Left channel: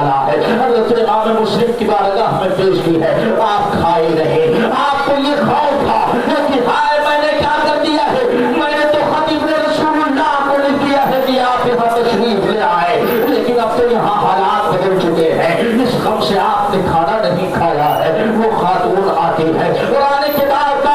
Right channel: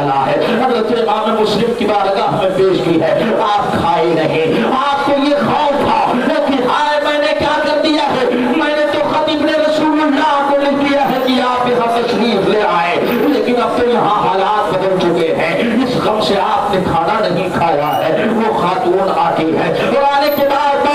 ڈالا ہے، حضرت امام مسلم کی بارگاہ میں پیش کی ہے، آپ کھائے رہے، آپ کو یہ خوف تھا کہ ہائے میں نے کیا کر دیا ہے، میں نے تو خطیب رسول اللہ کو لکھ دیا ہے کہ آپ یہاں تشریف لے آئے، لیکن اب تو یہاں حالات بدل چکے ہیں، اس غم سے آپ نے کھانا نہیں کھایا ہے۔ وہ خاتون آتی ہے اور آنے کے بعد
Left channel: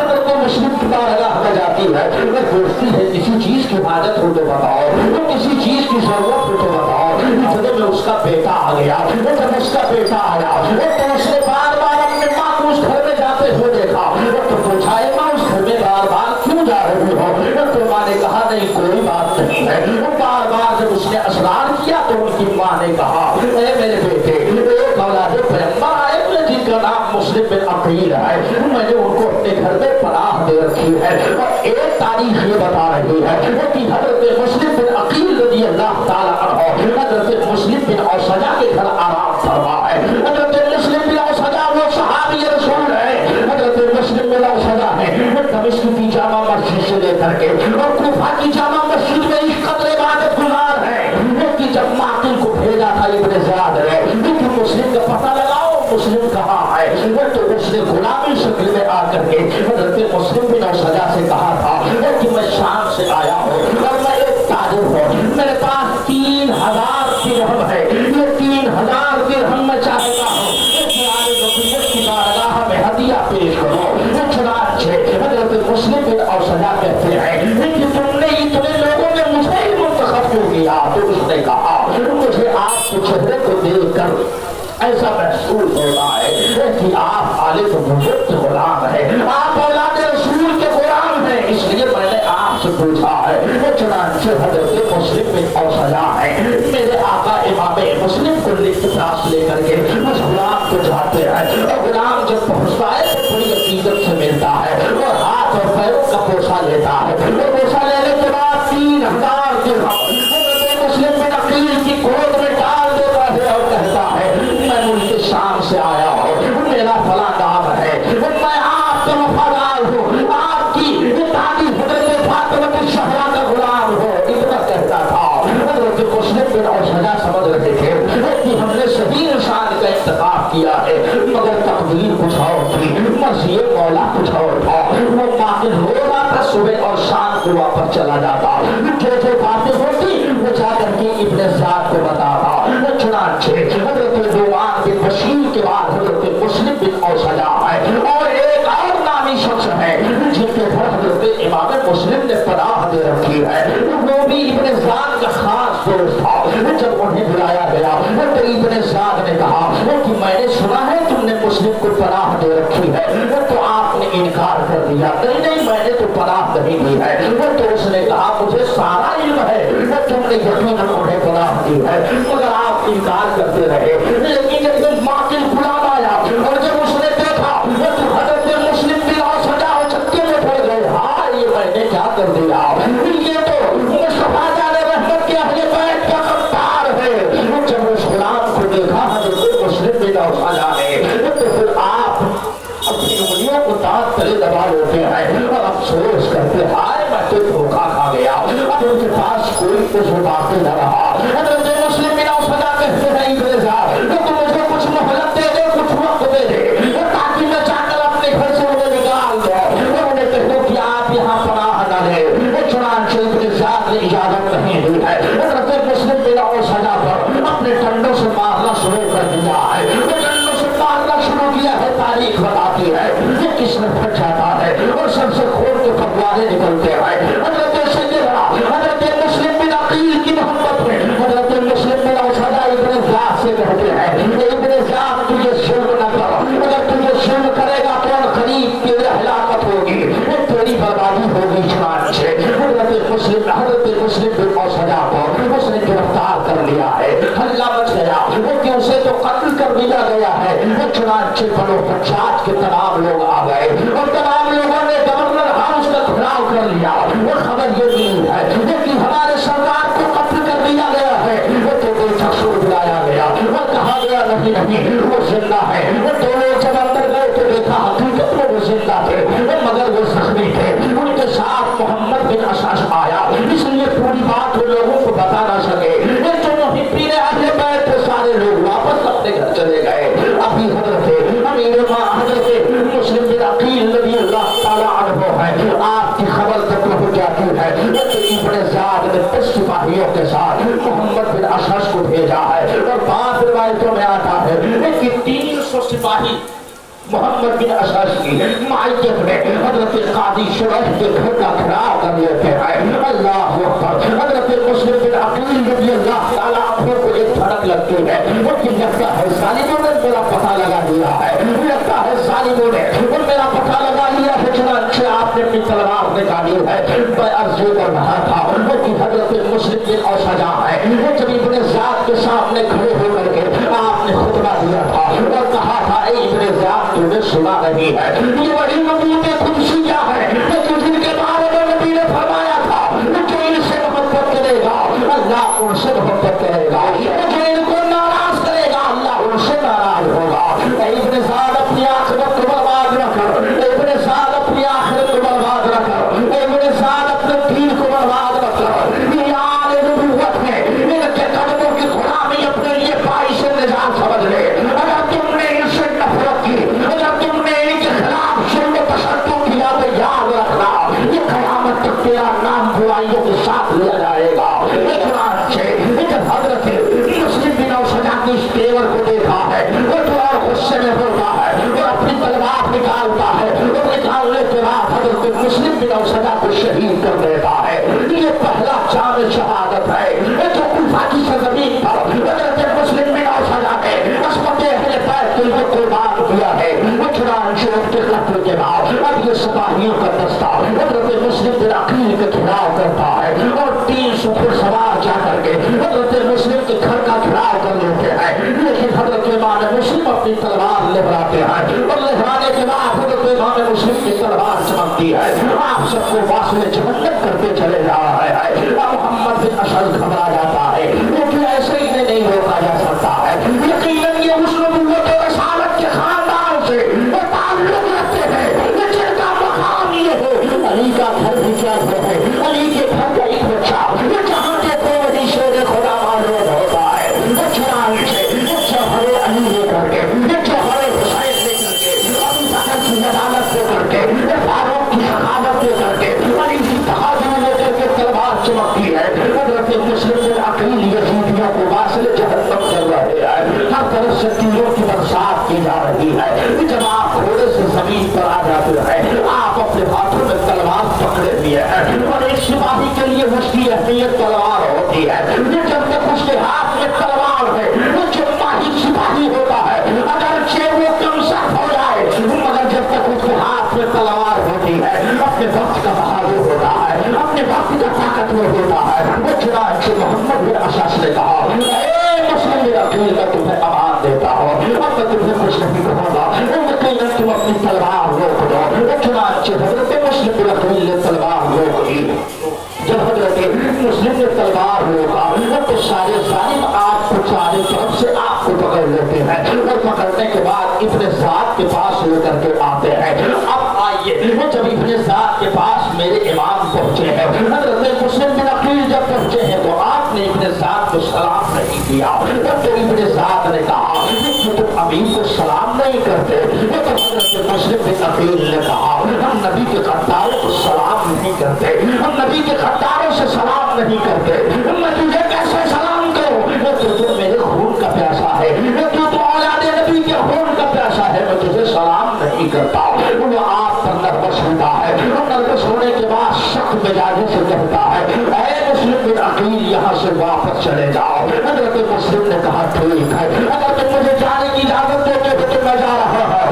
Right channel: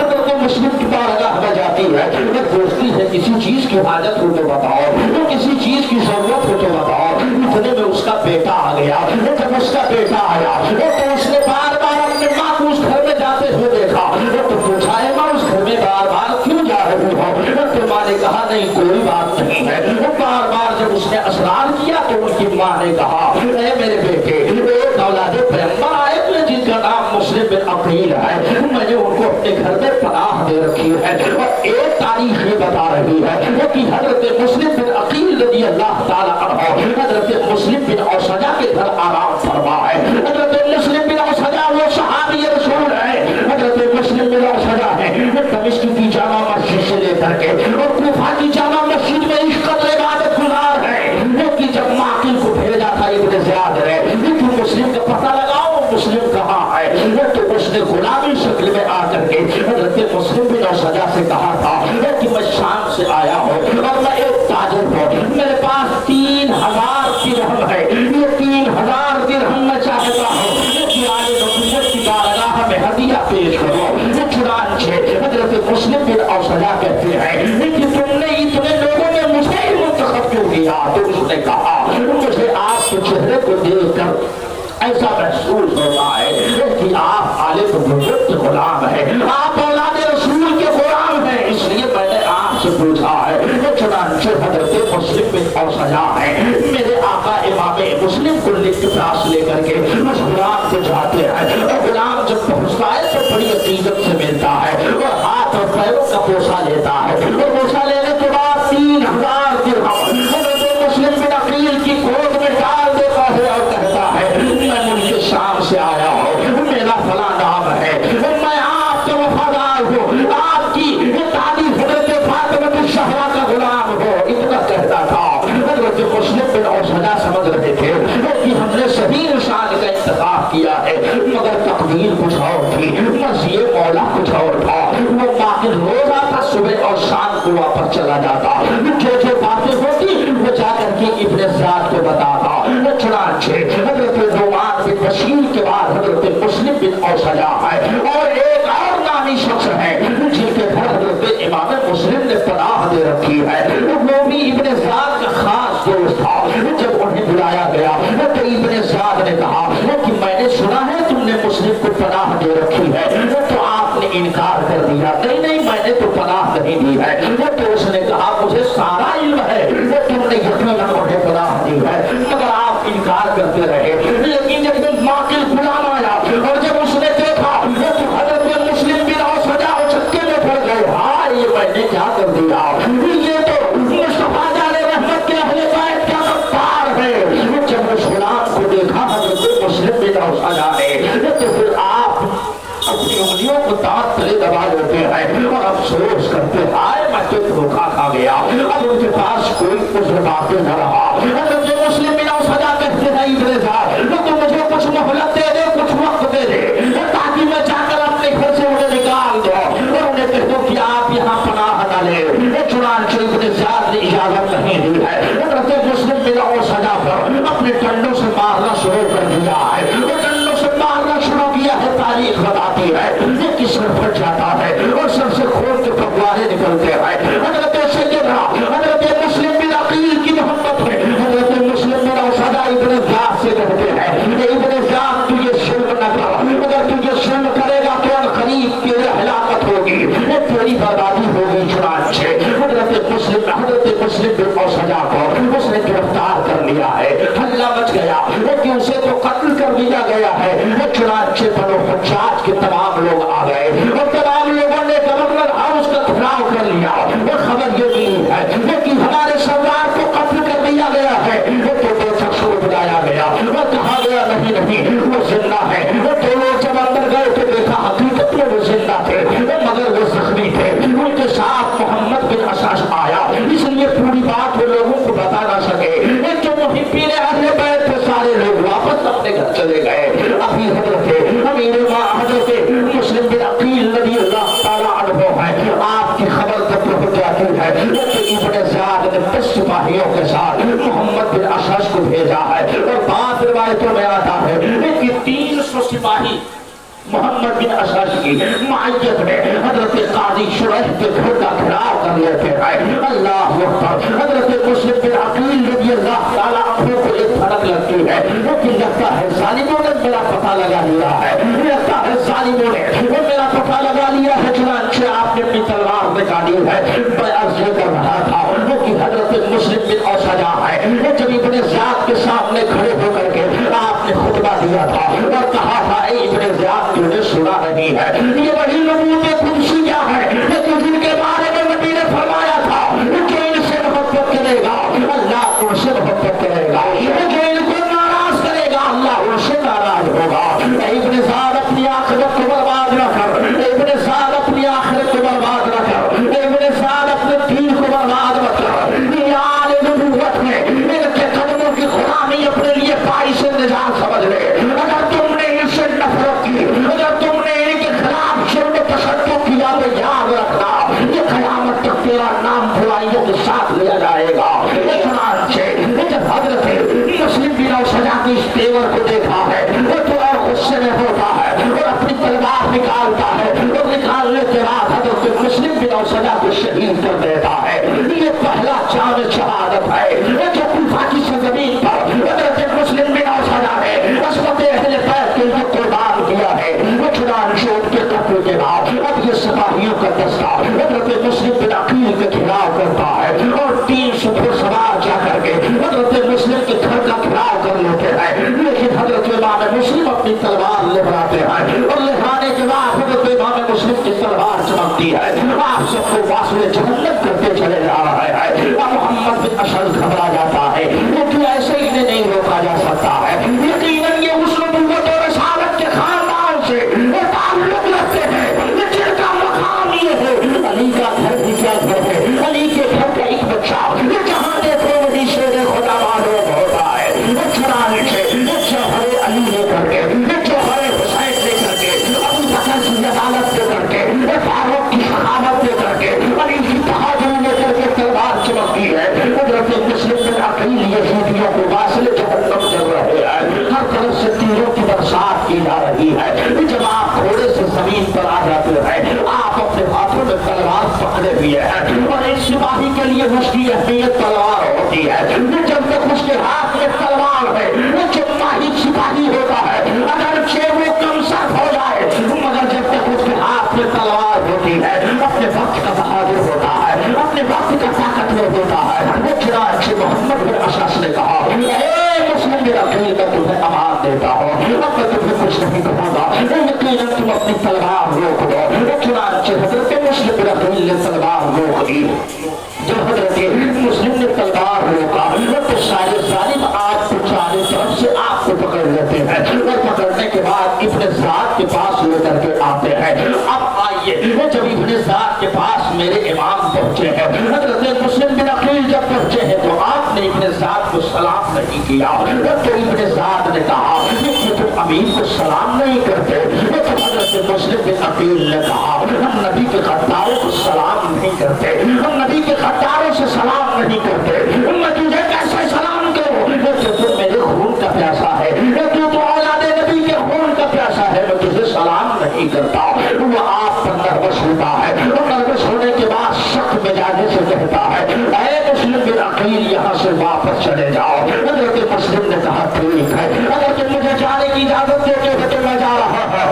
حضرت مسلم کی بارگاہ میں جاتی ہے، وہ پوچھتی ہے کسی چیز کی حاجت ہو تو بتاؤ، کسی چیز کی ضرورت ہو تو بتاؤ۔ اتنے میں اس کا بیٹا آ گیا، جب اس کا بیٹا آیا تو اس نے بار بار اپنے ماں کو اس گھر میں جاتے ہوئے دیکھا تو پوچھا ہے ماں اس گھر میں بار بار کیوں جا رہی ہو؟ تو ماں نے کہا نہیں کوئی بات نہیں ہے۔ بار بار جب اس نے اصرار کیا تو ان کی ماں نے کہا اے میرے بیٹے، ایک اولاد پیغمبر آئے ہوئے جن کا نام مسلم بن عقیل ہے، میں نے ان کو اپنے گھر میں پناہ دے رکھی ہے، اور ایک تاریخ یہ بتا رہی ہے کہ حضرت مسلم بن عقیل رضی اللہ تعالیٰ عنہ حضرت مسلم بن اوسجا کے گھر آرام فرما ہے۔ حضرت مسلم بن اوسجا وہ صحابی رسول ہے، حضرت مسلم بن اوسجا ہے دمشق کی جامع مسجد سے لے کر کے اور کوفہ کی جامع مسجد میں اس قدر عبادت گزار ہے کہ جب معقل کو بھیجا تھا ابن زیاد نے کہ مسلم کا پتہ لگاؤ مسلم کہاں ہے، تو اس نے غلامی شکل میں آ کر کے حضرت مسلم بن اوسجا سے کہا تھا کہ میں شام سے آیا ہوں اور میں ایک تاجر ہوں، میرے پاس 3000 درہم ہے، یہ 3000 درہم میں چاہتا ہوں کہ آئے رکوعت کی بارگاہ میں ہدیہ پیش کرو۔ چنانچہ حضرت مسلم بن اوسجا کہتے ہیں کہ تم نے اتنے لوگوں میں مجھے ہی منتخب کیوں کیا؟ تو اس نے کہا مجھے آپ کے چہرے کو دیکھ کر ایسا محسوس ہوتا ہے کہ آپ عالم بزرگ کے غلام ہیں، آپ اولاد رسول کے غلام ہیں، اس لیے میں نے آپ سے پوچھا ہے۔ چنانچہ حضرت مسلم بن اوسجا ہے میرے آقا امام مسلم کو لکھ پاس لے کر کے اس غلام کو جاتے ہیں، اور غلام جب پہنچتا ہے تو بڑی عقیدت سے ملتا ہے اور ہاتھ اور پیروں کا بوسہ لیتا ہے، اور بوسہ لینے کے بعد 3000 درہم حضرت مسلم بن عقیل کی گود میں ڈال دیتا ہے اور کہتا ہے میں ملک شام سے آیا ہوں، میرا فلاں نام ہے، میں آپ کا وفادار ہوں، آپ کی تعریف حضرت فاطمہ الزہرا کا غلام ہوں، اتنا کہتا تھا۔ حضرت مسلم بن اوسجا سمجھ رہے تھے کہ ہم نے صحیح نشان کا انتخاب کیا ہے، مگر تقدیر کچھ اور تھی، مرضی مولا کچھ اور تھا۔ وہ باقی روز آتا صبح اور شام کو واپس چلا جاتا، جو باتیں ہوتی وہ جا کر کے ابن زیاد کو بتاتا۔ چنانچہ حضرت نعمان بن بشیر کے بعد حضرت مسلم بن اوسجا ہے اور ایک اور نامی شخص ہے جن کے گھر حضرت امام مسلم نے پناہ دے رکھی ہے، وہ بھی ابن زیاد کا خاص دوست تھا۔ جب انہیں بلایا گیا تو ابن زیاد نے کہا کہ میں نے سنا ہے تم نے مسلم کو پناہ دے رکھی ہے، تو آپ نے انکار کر دیا۔ نہیں میں نے تو پناہ نہیں دی ہے۔ تو اس نے کہا مجھے سارا علم ہے تم نے یقیناً انہیں پناہ دی ہے، مگر آپ انکار کرتے رہے۔ لیکن جب معقل غلام آیا اور جب اس نے دیکھا تو حضرت مسلم بن اوسجا چکے میں پڑ گئے، ہاں یہ میں نے کیا کر دیا، یہ تو مصطفیٰ جان رحمت کے اہل بیت کا غدار ہے۔ جب اس غلام کو دیکھا حضرت مسلم بن اوسجا نے تو پھر آپ اپنی انگلیوں کو دانت تلے دبا لیتے ہیں اور افسوس کرتے ہائے میں تو دھوکا کھا گیا، اب ان کے پاس کوئی کچھ باقی نہ رہا۔ حضرت مسلم بن اوسجا کہتے ہیں ابن زیاد تو مجھے کچھ مہلت دے دے، کچھ وقت دے دے تاکہ میں جا کر اپنے گھر سے انہیں نکال دو اور انہیں کہہ دو کہ آپ یہاں پناہ نہ لیں۔ چنانچہ ابن زیاد نے اجازت نہیں دی ہے، حضرت مسلم بن اوسجا پر اپنے ڈنڈوں سے مارنا شروع کر دیا ہے، ڈنڈوں سے مارنا شروع کیا ہے۔ تاریخ بتاتی ہے یہ کس میں پھٹ جاتا ہے اور سب سے کھول کے پھگوانے نکلتے ہیں۔ حضرت سیدنا حضرت مسلم بن عقیل کی محبت ہے، حضرت مسلم بن اوسجا ابن زیاد سے کہتے ہیں ابن زیاد تجھے شرم نہ کر، اگر تجھے شرم کرے گا تو قریب تیری ہلاکت ہوگی، تیری بربادی ہوگی۔ چنانچہ حضرت مسلم بن اوسجا کو اس نے گرفتار کر لیا ہے، حلہ مچ گیا کہ اسے تو قتل کر دیا گیا ہے۔ چنانچہ بنو حجاج کے تمام لوگ آ گئے اور تمام لوگوں نے گورنر ہاؤس کا گھیراؤ کر لیا۔ وہ خبر یہ ملی ہے کہ ہمارے سردار کو قتل کر دیا گیا ہے، وہ تو دو شخص کو بلایا گیا اور کہا گیا نہیں وہ زندہ ہے۔ وہ دونوں جب اندر گئے تو دیکھا حقیقت میں وہ زندہ تھے مگر وہ زخمی تھے۔ ان کے ساتھ محمد بن اشعث آیا، اس لیے پوری بات وہ لوگوں کو بتا نہ سکے۔ جو محبین اہل بیت बैठ के सारे लोग वापस अपने घर चले गए। अभी हजरत अमीर मां हजरत मुस्लिम बिन अकील रज़ी अल्लाह ताला अन्हु है, आपकी खबर तक पहुंच जाती है कि इब्ने ज़ियाद ने 10 सिपाहियों के साथ मोहम्मद बिन अशअस को भेजा है। और बाद रिवायतों में आता है कि 300 सिपाही मोहम्मद बिन अशअस की मायत में हजरत काजी शुरैह के घर का घेराव कर लेते हैं। अल्लाह अकबर। हजरत मुस्लिम बिन अकील रज़ी अल्लाह ताला अन्हु को एक फर्क लगती है कि लगता है जालिमों ने मेरा पता लगा लिया है, लगता है जालिमों ने मेरा पता लगा लिया है, चुनांचे आपने अपनी तलवार निकाली है। मैं अर्ज ये कर रहा था कि हजरत मुस्लिम बिन औसजा है, जब इब्ने ज़ियाद के सामने खड़े होकर के आपने खुतबा दिया था और कहा था ए इब्ने ज़ियाद तुमने सुना नहीं है, ये बड़ी नबूवत खुदसी क्या है कि जिनके बारे में नबी ने फरमाया था जो इनसे मोहब्बत करेगा अल्लाह उनसे मोहब्बत करेगा, जो इनको नाराज करेगा अल्लाह उनसे नाराज होगा। इब्ने ज़ियाद अपनी आखिरत को बर्बाद न कर, इब्ने ज़ियाद अपनी आखिरत को बर्बाद न कर, इब्ने ज़ियाद अपने दीन को बर्बाद मत कर। यार नबूवत में इनके कदमों की गुलामी अपने लिए बाइस निजात समझ ले। अगर तुमने इनसे नफरत की, अगर तुमने इनके खिलाफ शुरू तशद्दुद किया तो याद रखना ये क़यामत तक तेरा नाम बुराइयों के साथ लिया जाएगा। जब हजरत मुस्लिम बिन औसजा की इस तेवर को देखा है तो और गुस्से में होता है और अपनी तलवार निकालता है और निकालने के बाद हजरत मुस्लिम बिन औसजा को शहीद कर देता है। ये पहला चांद शहादत है जो कूफा की सरजमीन पर हजरत मुस्लिम बिन औसजा ने अस्मत अहले बैत के लिए कुर्बान किया है। वो चुनांचे उनके कत्ल के बाद अब ये सिपाहियों का दस्ता हजरत मुस्लिम बिन अकील के खिलाफ करता है और 300 घुड़सवार जाकर के हजरत मुस्लिम के घर का घिराव कर लेते हैं। लेकिन हजरत इमाम मुस्लिम अपनी तलवार लहराते हैं और लहराने के बाद हजरत इमाम मुस्लिम की तलवार चमकती है। आप सबको वास्ते जहन्नम करते चले जा रहे हैं। मोहम्मद बिन अशअस घबरा जाता है क्योंकि ऐसे ही नहीं रोका जा सकता है। यकीनन ये उस नबूवत और रसालत के खानदान से ताल्लुक रखते हैं जिनका मकाम ये है। अली का घर भी क्या घर है, अली के घर का एक बच्चा जहाँ देखो वही शेर खुदा मालूम होता है। हरे अली लेकर के, हरे हुसैन लेकर के, अबू बकर की जमानत लेकर के, फारूक की शहादत लेकर के, अली की बहादुरी लेकर के तलवार चमकती है। हजरत मुस्लिम बिन अकील यजीदियों को वासिल जहन्नम कर रहे हैं। हर तरफ से तीरों की बरसात की जा रही है। जब आप घोड़े से जमीन पर आ जाते हैं आप अपने हाथों में तलवार पकड़े हुए हैं और एक सिपाही के लिए उसकी अहमियत तलवार होती है। जब तक उसके हाथ में तलवार है वो जितना ही सिपाही होता है अगर वो कम सख्त हो जाए मगर जब तक उसके हाथ में तलवार होती है अपने वक्त का बहादुर होता है, अपने वक्त का ताकतवर होता है। वो चुनांचे मोहम्मद बिन अशअस ने कहा मुस्लिम बिन अकील का तुम्हें अमान देता हो, अब मैं तुम्हें कुछ नहीं कहूँगा, यकीनन तुम अपनी तलवार रोक दो। चुनांचे हजरत मुस्लिम बिन अकील ने तलवार रोक दी। जब हजरत मुस्लिम ने तलवार रोका तो सारे जालिम आपको चारों तरफ से आपको पकड़ लेते हैं और पकड़ने के बाद इब्ने ज़ियाद के पास लेकर के आते हैं। अब आइए जब इब्ने ज़ियाद के पास मेरे इमाम पहुंचे हैं, हजरत मुस्लिम बिन अकील जब पहुंचे हैं तो आपने इब्ने ज़ियाद को सलाम नहीं किया। तो इब्ने ज़ियाद ने कहा कि तुम अमीर को सलाम नहीं करते। तो हजरत मुस्लिम बिन अकील ने कहा हम नबी के खद्दारों को सलाम नहीं करते, हम नबी के खद्दारों से सलाम नहीं करते, मैं तुझे कैसे सलाम करूं? तो मेरे खून का प्यासा है, तू तो औलादे नबी के खून का प्यासा है, मैं तुझे सलाम नहीं करता। वो आप पर नर्वस होता है, नर्वस होने के बाद सख्त मिजाजे से कहता है ऐ मुस्लिम बिन अकील यहाँ से वापस चले जाओ। हजरत मुस्लिम ने कहा ठीक है, अगर तुम मुझे जाने की इजाजत देते हो तो मैं जा रहा है,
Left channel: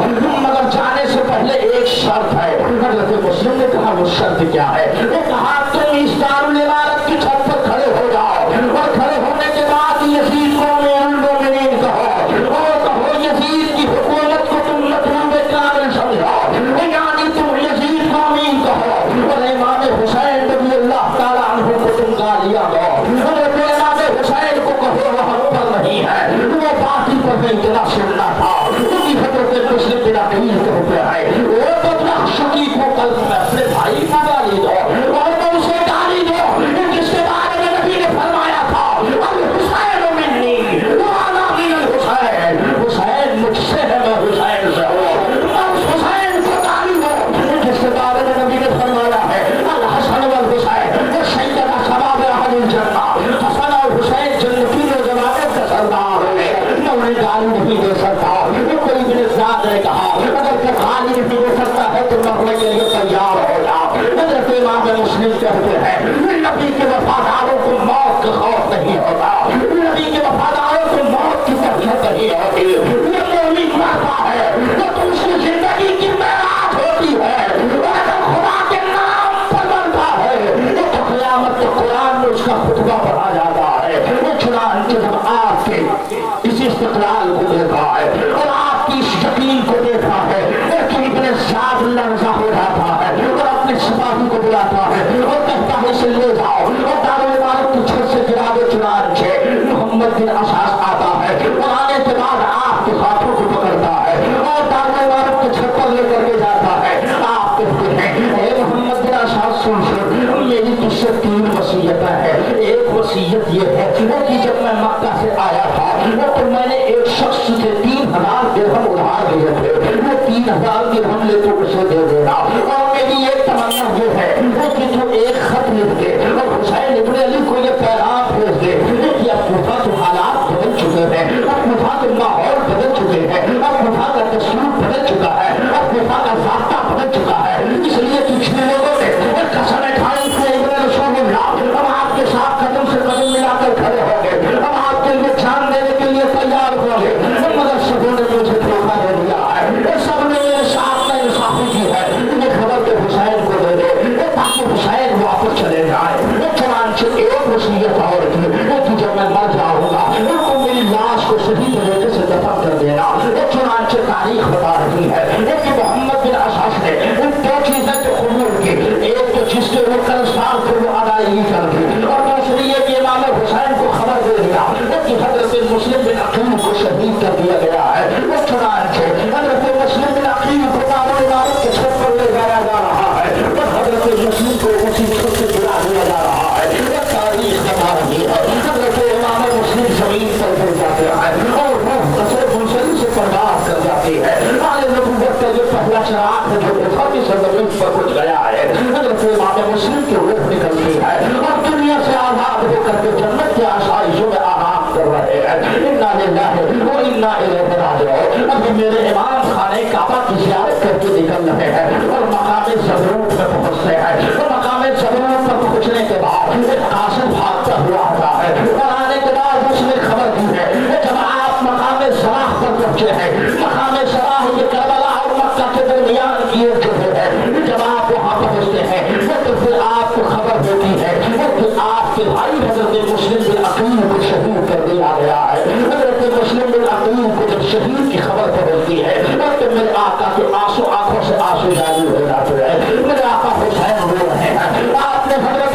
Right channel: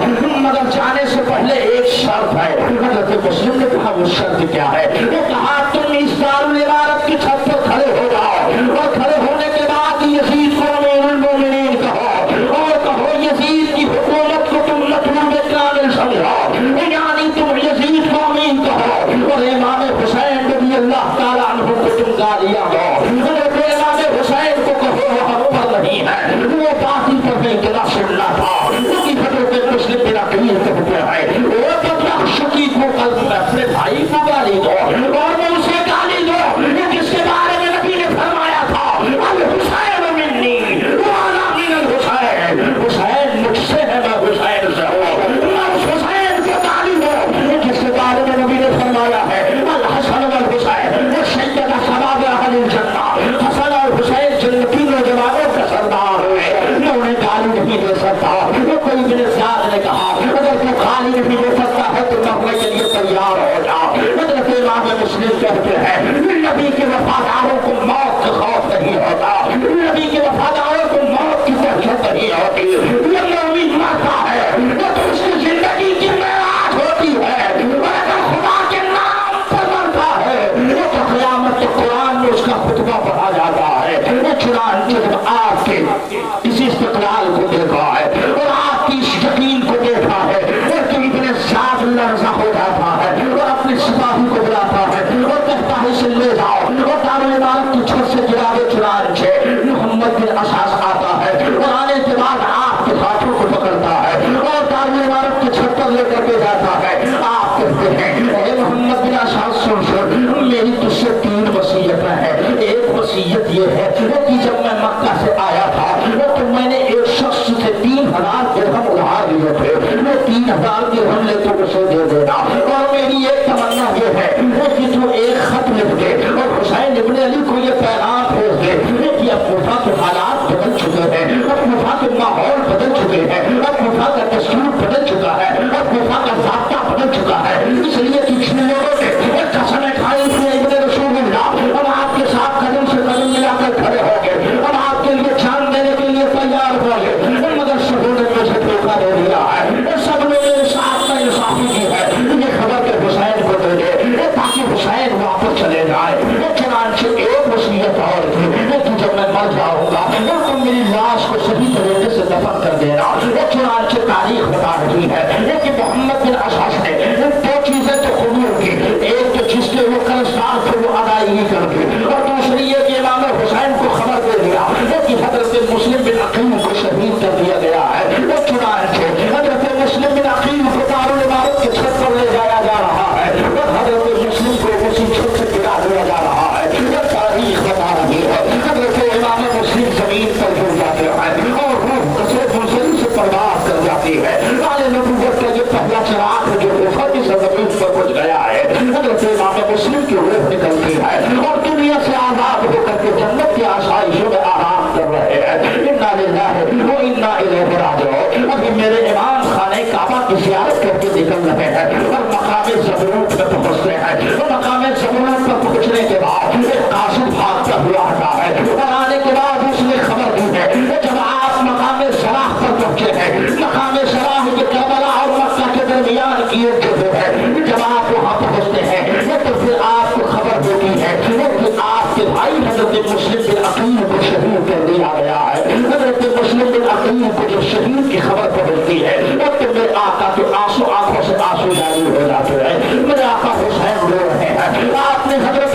मगर जाने से पहले एक शर्त है। हजरत मुस्लिम ने कहा वो शर्त क्या है? वो कहा तुम इस दारुल इमारत की छत पर खड़े हो जाओ और खड़े होने के बाद यजीद को अमीरुल मोमिनीन कहो और कहो यजीद की हुकूमत को तुम मतलूब कामिल समझो, यानी तुम यजीद को अमीन कहो और इमाम हुसैन रज़ी अल्लाह ताला अन्हु को तुम गालियां दो और इमाम हुसैन को कहो वहां पर नहीं है, वो बाकी पर नहीं तेरा सुनना था। क्योंकि हजरत मुस्लिम बिन अकील कहते हैं वो तो शकीक को कल्ब में अपने भाई को गाली दो और मैं उसे गाली दो जिसके बारे में नबी ने फरमाया था अल हुसैन मिन्नी, वो इस इस्तिक़लाल को देखा है और आपकी इस यकीन को देखा है कि इतने साथ लर्जा हो जाता है और अपने सिपाही को बुलाता है और कहता है इसे ले जाओ और दारुल इमारत की छत से गिरावे चुनाचे मोहम्मद बिन असास आता है और आने के बाद आपके हाथों को पकड़ता है और दारुल इमारत की छत पर लेकर के जाता है। आप कहते हैं मोहम्मद बिन असास सुन मेरी तुझसे 3 वसीयतें हैं। एक वसीयत ये है कि जब मैं मक्का से आया था तो मैंने एक शख्स से 3000 दिरहम उधार लिए थे, वो 3000 दिरहम लेके उसे दे देना। और मेरी एक तमन्ना ये है कि तू एक खत लिख दे और हुसैन इब्न अली को ये पैगाम भेज दे कि अब कुफा के हालात बदल चुके हैं, अब कुफा के माहौल बदल चुके हैं, अब कुफा का दस्तूर बदल चुका है, अब कुफा का ज़ाब्ता बदल चुका है। इसलिए पिछले लोगों ने कसम खाई थी इब्न रसूलुल्लाह, हम आपके साथ कदम से कदम मिलाकर खड़े हो गए, हम आपके लिए जान देने के लिए तैयार हो गए, मगर सबों ने मुझे धोखा दे दिया है। सब ने मेरे साथ में इंसाफी की है, ये खबर के हुसैन को दे दे ताकि हुसैन वापस चले जाए। चुनांचे एक वसीयत और थी कि जब मैं मर जाऊंगा तो मेरी लाश को सही तरीके से दफन कर देना। चुनांचे तारीख बता रही है कि मोहम्मद बिन असास ने 2 चीजें तो हुजूर की, एक तो जिसके वो कर्जदार थे वो अदायगी कर दी और दूसरी ये कि इमाम हुसैन को खबर दे दिया कि हजरत मुस्लिम बिन अकील को शहीद कर दिया गया है। वो चुनांचे हजरत मुस्लिम बिन अकील को दारुल इमारत के छत पर ले जाया जा रहा है और हजरत मुस्लिम को उसी छत से गिरा दिया जा रहा है। ये तारीख बता रही है हजरत इमाम मुस्लिम जमीन पर गिर जाते हैं और रूह हजरत मुस्लिम से परवाज कर जाती है। आले नबूवत का जो पहला चिराग है जो वफाती ज़मीन पर पहुंच गया है, हजरत इमाम मुस्लिम की रूह निकलती है और दुनिया से आजाद होकर के जन्नत की आसाइशों में आराम कर रहे हैं। इन्ना लिल्लाहि व इन्ना इलैहि राजिऊन। अभी मेरे इमाम खाने काबा की ज़ियारत करके निकल रहे हैं और मकाम ज़बरूत में पहुंचते हैं। मकाम ज़बरूत पर पहुंचने के बाद एक कासिद भागता हुआ आता है और आने के बाद उसने खबर दी है जब आप मकाम सलाह पर पहुंचे हैं, मकाम सलाह ये करबला और मक्का के दरमियान की एक जगह है। जब आप वहाँ पहुंचते हैं तो फिर आपको खबर होती है कि आपके भाई हजरत मुस्लिम बिन अकील को शहीद कर दिया गया है। हजरत मुस्लिम बिन अकील को जब शहीद की खबर पहुंचती है तो मेरे आका के आंसू आंखों से आंसू जारी हो जाते हैं। मेरे आका हुसैन रो रहे हैं। आपने हजरत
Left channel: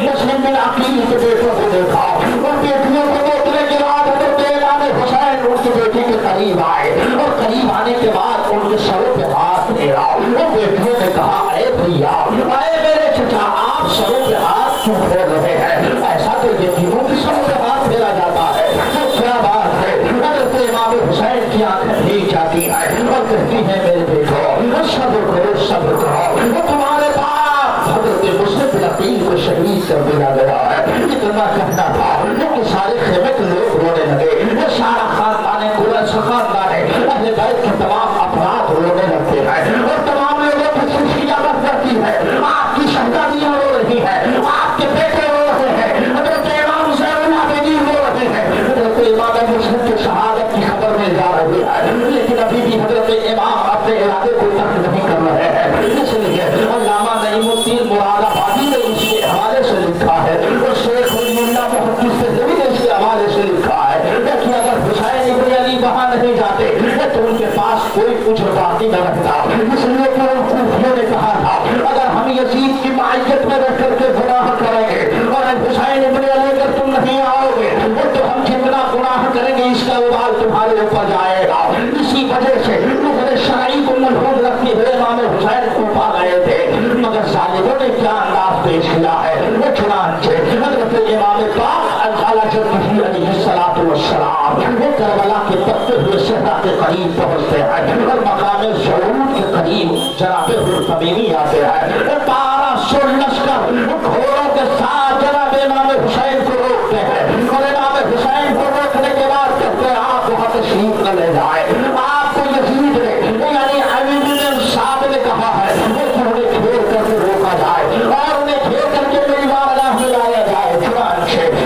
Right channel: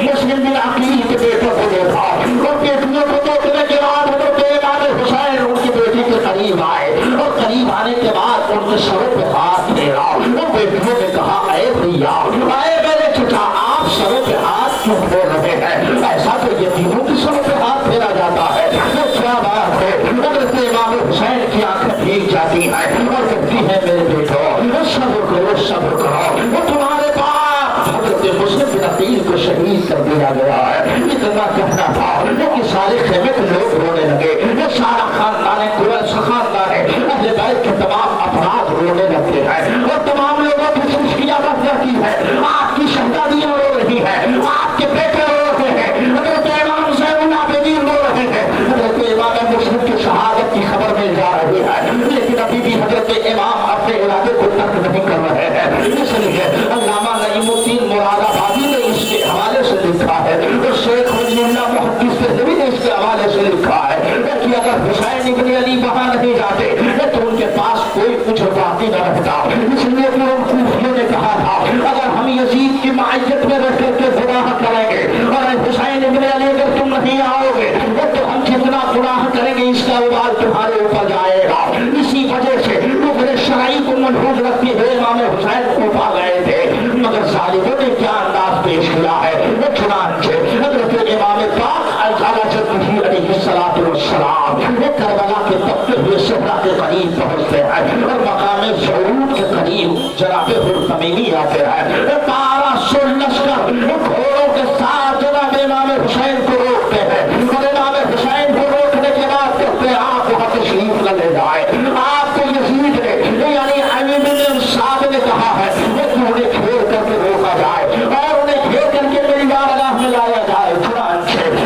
मुस्लिम बिन अकील के बेटों को देखा और बेटियों को देखने के बाद हजरत इमाम हुसैन उनकी बेटी के करीब आए और करीब आने के बाद उनके सर पे हाथ फेरा और बेटियों ने कहा अरे भैया अरे मेरे चचा आप सरों पे हाथ क्यों फेर रहे हैं? ऐसा तो यतीमों की सरों पे हाथ फेरा जाता है। तो क्या बात है? हजरत इमाम हुसैन की आंखें भीग जाती है और कहती है मेरे बेटो सब्र करो वो तुम्हारे पास हजरत मुस्लिम बिन अकील को शहीद कर दिया गया है। इतना कहना था कि सारे खेमे के लोग रोने लगे, ये सारा खानदान अहले बैत के तमाम अफराद रोने लगते हैं और तमाम लोगों की खुशियां बढ़ जाती है। आपकी शहजादियां रो रही है, आपके बेटे रो रहे हैं, हजरत इमाम हुसैन आबिदीन रो रहे हैं, हजरत इमाम मुस्लिम की शहादत की खबर मिल जा रही है। लेकिन अभी भी हजरत इमाम अपने इरादे को तर्क नहीं कर रहे हैं। इसलिए अल्लामा नईमुद्दीन मुरादाबादी ने इसके हवाले से लिखा है और शेख वलीउल्लाह मुहद्दिस देहलवी ने इसके हवाले से लिखा है कि अगर हुसैन इब्न अली वहां नहीं जाते तो उनके पास कोई कुछ बाकी न रखता। इसलिए कि उन्होंने कहा था अगर हम यजीद की माइयत में रह करके गुनाह करेंगे और हुसैन इब्न अली अगर तुम नहीं आओगे तो हम जितना गुनाह करेंगे इसका उबाल तुम्हारे ऊपर जाएगा। इसी वजह से वो शरई को महफूज रखते हुए इमाम हुसैन को पा गए थे, मगर सालिबों ने क्या अंदाज पेश किया है। वो चुनांचे हजरत इमाम पाक वो करबला के तख्ते हुए सहरा के करीब पहुंचते हैं और मकाम ज़रूर के करीब जनाबे हुरतमीमी आते हैं। 1200 लश्कर घोड़ों के साथ जनाब इमाम हुसैन को रोकते हैं और इमाम हुसैन को रोकने के बाद कहते हैं आप वहाँ तशरीफ न ले जाए। आपको यजीद ने यानी अमीर साहब ने कहा है कि उन्हें घेर करके रोका जाए और उन्हें घेर करके मेरी बारगाह में लाया जाए।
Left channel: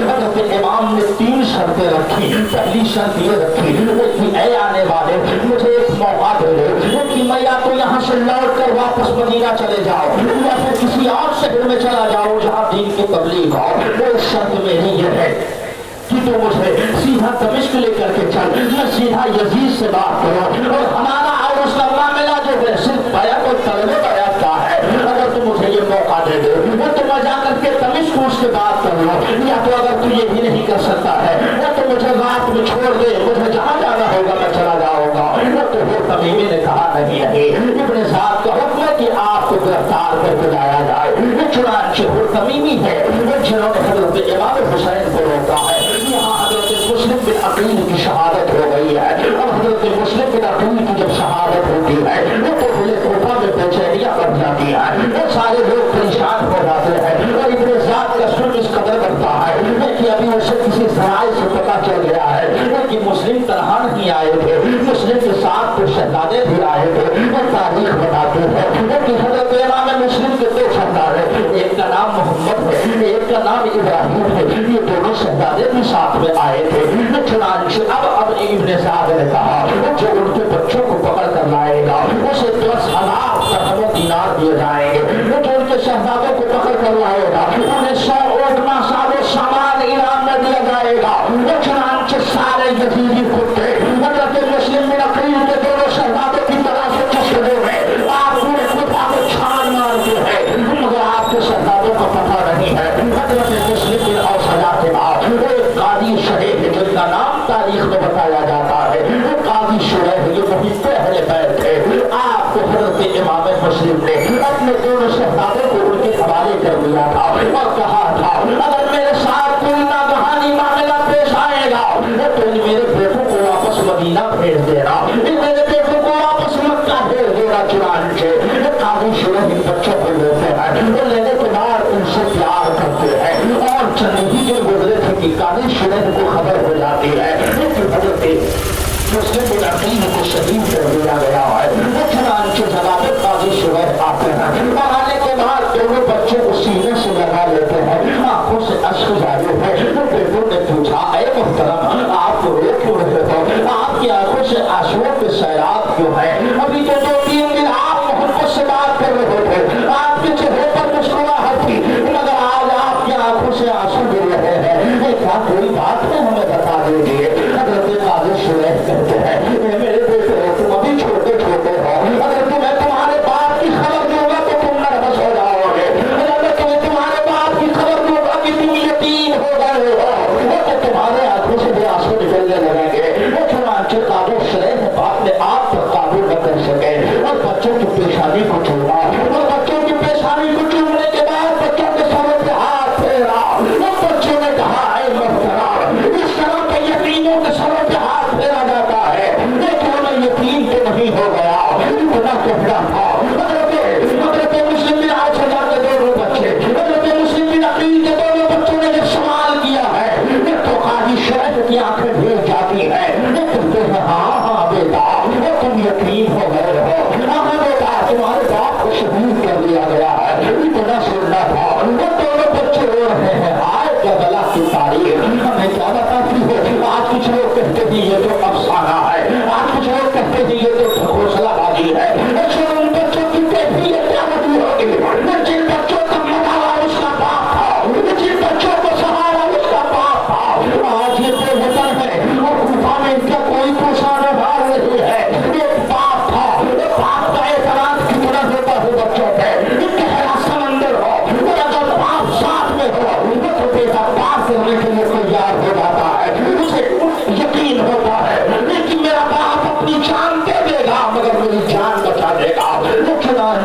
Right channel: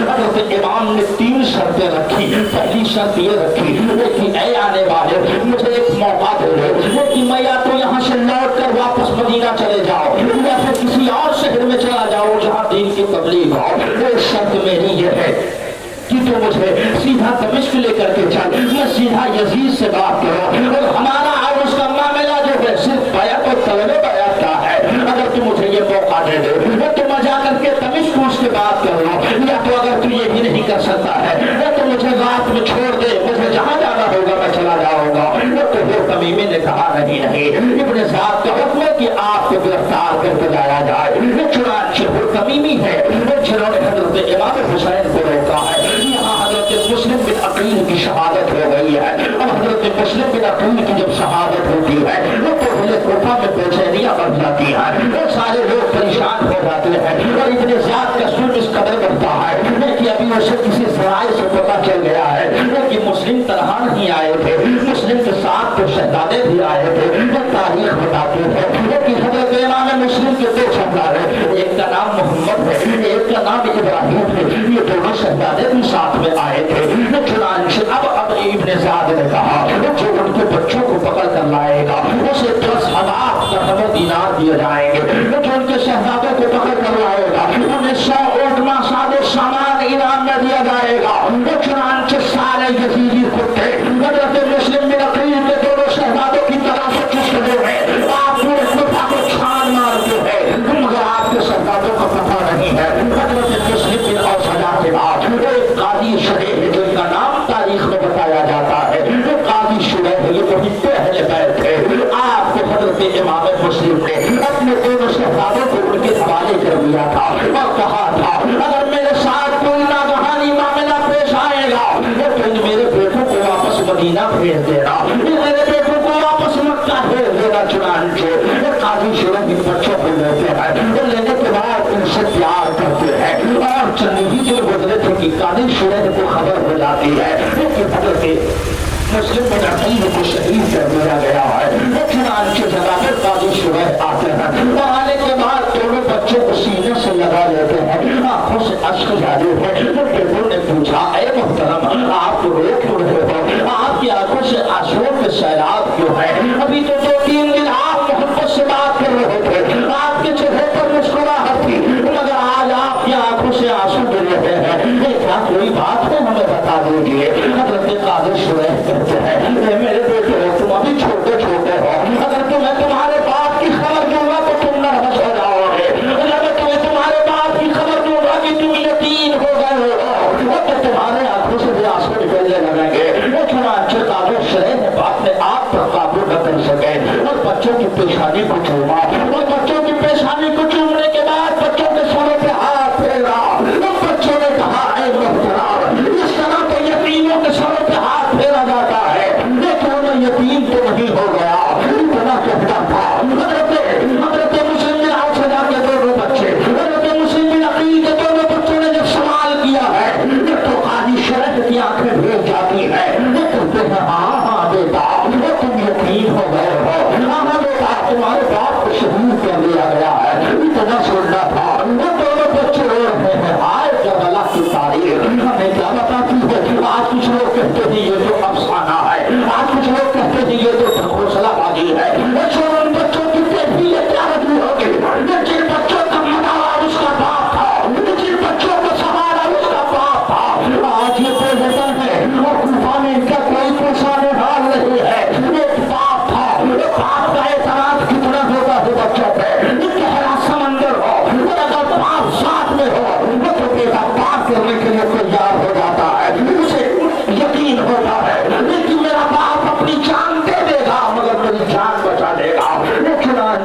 हजरत इमाम ने 3 शर्तें रखी। पहली शर्त ये रखी कि ऐ आने वाले मुझे एक मौका दे दो कि मैं या तो यहाँ से लौट कर वापस मदीना चले जाओ या फिर किसी और शहर में चला जाऊँ जहाँ दीन की तबलीग हो। वो शर्त मेरी ये है कि तो मुझे सीधा दमिश्क لے کر کے چل، میں سیدھا یزید سے بات کروں اور ہمارا اور اس کا معاملہ جو ہے صرف بیعت اور طلب بیعت کا ہے۔ اگر تم مجھے یہ موقع دے دے تو میں جا کر کے دمشق اس سے بات کروں، یا تو اگر تو یہ بھی نہیں کر سکتا ہے یا تو مجھے رات میں چھوڑ دے، مجھے جہاں جانا ہوگا میں چلا جاؤں گا۔ تو وہ تمیمی نے کہا نہیں نہیں، ابن سعد کا حکم ہے کہ آپ کو گرفتار کر کے جایا جائے۔ چنانچہ وہ تمیمی ہے جنہوں نے حضرت امام حسین کو روکا ہے۔ یہاں حضرت مسلم بن عقیل کی شہادت ہو گئی ہے۔ اب حضرت مسلم بن عقیل کی جب شہادت ہوتی ہے وہ تو کوفہ میں بےچینیاں بڑھ جاتی ہیں، وہ سارے لوگ پریشان ہو جاتے ہیں اور ابن سعد کا سوچ اس قدر بڑھتا ہے کہ ابھی اسے کسی ذرائع سے پتہ چل گیا ہے کہ مسلم تنہا نہیں آئے تھے، مسلم کے ساتھ تو شہزادے بھی آئے تھے۔ تاریخ بتاتی ہے کہ حضرت امام مسلم کے دو شہزادے، ایک کا نام محمد ہے، ایک کا نام ابراہیم ہے، یہ دونوں شہزادے بھی ساتھ میں آئے تھے۔ چنانچہ اب ابن سعد نے کہا جو ان کے بچوں کو پکڑ کر لائے گا اسے 10,000 درہم دینار دیے جائیں گے، جو ان کے شہزادوں کو پکڑ کر لائے گا انہیں 100 اونٹنا ساز و سامان انعام میں دیا جائے گا۔ چنانچہ سارے یزیدی کتے حضرت مسلم بن عقیل کے دونوں شہزادوں کی طرح سے چشمے میں آپ پورے خدا کو چھان مارتے ہیں، مگر آپ کے شہزادوں کا پتہ نہیں ہے۔ حضرت مسلم بن اوسجا کے بعد ایک قاضی شریف جن کا نام تاریخ میں بتایا جاتا ہے، وہ قاضی شریف یہ وہی پہلے بیٹھے آپ کو حضرت امام مسلم نے اپنے دونوں شہزادوں کو ان کے حوالے کر دیا تھا اور کہا تھا اگر میرے ساتھ کوئی ناگہانی معاملہ پیش آئے گا تو میرے بیٹوں کو واپس مدینہ بھیج دینا، میرے بیٹوں کو واپس مکہ بھیج دینا۔ چنانچہ قاضی شریف ان بچوں کو لیتے ہیں اور لینے کے بعد ان سے پیار کرتے ہیں اور چند ہی دن گزرے تھے کہ قاضی شریف کو خبر ہو جاتی ہے کہ حضرت مسلم بن عقیل کو شہید کر دیا گیا ہے۔ چنانچہ جناب قاضی شریف آتے ہیں اور آنے کے بعد دونوں بچوں کو سینے سے لگا لیتے ہیں، آنکھوں سے اشک جاری ہے۔ بیٹوں نے پوچھا اے محترم آپ رو کیوں رہے ہو، آپ کی آنکھوں سے آنسوؤں کے سیلاب کیوں ہے؟ ابھی تو 2-3 دن آپ محبت سے بات کر رہے تھے، آپ کے چہرے پر مسکراہٹ تھی، مگر آج آپ کی آنکھوں سے آنسو گر رہے ہیں، کیا کوئی بات ہے ہمیں بتا دیجیے۔ حضرت قاضی شریف کہتے ہیں اے میرے بیٹے تم ابھی چھوٹے چھوٹے ہو، اگر تمہیں تمہارے باپ کی خبر دوں گا تو تم نروس ہو جاؤ گے، اگر تمہیں تمہارے باپ کی خبر دوں گا کہ تم یتیم ہو گئے ہو تو تمہارے آنکھوں سے بھی آنسو نکلنے لگیں گے۔ چنانچہ قاضی شریف اپنے آپ پر قابو نہ کر سکے اور بچوں کی پیشانی کو چوما اور بچوں کی پیشانی کو چومنے کے بعد بچوں کے سروں پہ ہاتھ پھیرا اور بچوں نے کہا اے محترم اس طرح کے یتیموں کے سروں پہ ہاتھ پھیرا جاتا ہے، لیکن میں یتیم تو نہیں ہو گیا، اتنا کہنا تھا۔ حضرت مسلم بن اوسجا کے دونوں بچے، حضرت مسلم بن عقیل کے دونوں بچوں نے جب سوال کیا ہے تو قاضی شریف کی آنکھیں بھیگ جاتی ہے، وہ کہتے ہیں ہاں بیٹا وہ تم یتیم ہو گئے ہو، ہاں بیٹا تمہارے باپ کو شہید کر دیا گیا ہے، اتنا سننا تھا۔ وہ دونوں بچے رو رہے ہیں آئے کربلا کی تاریخ ہمیں کیا بتاتی ہے۔ آج کچھ لوگ کہتے ہیں یہ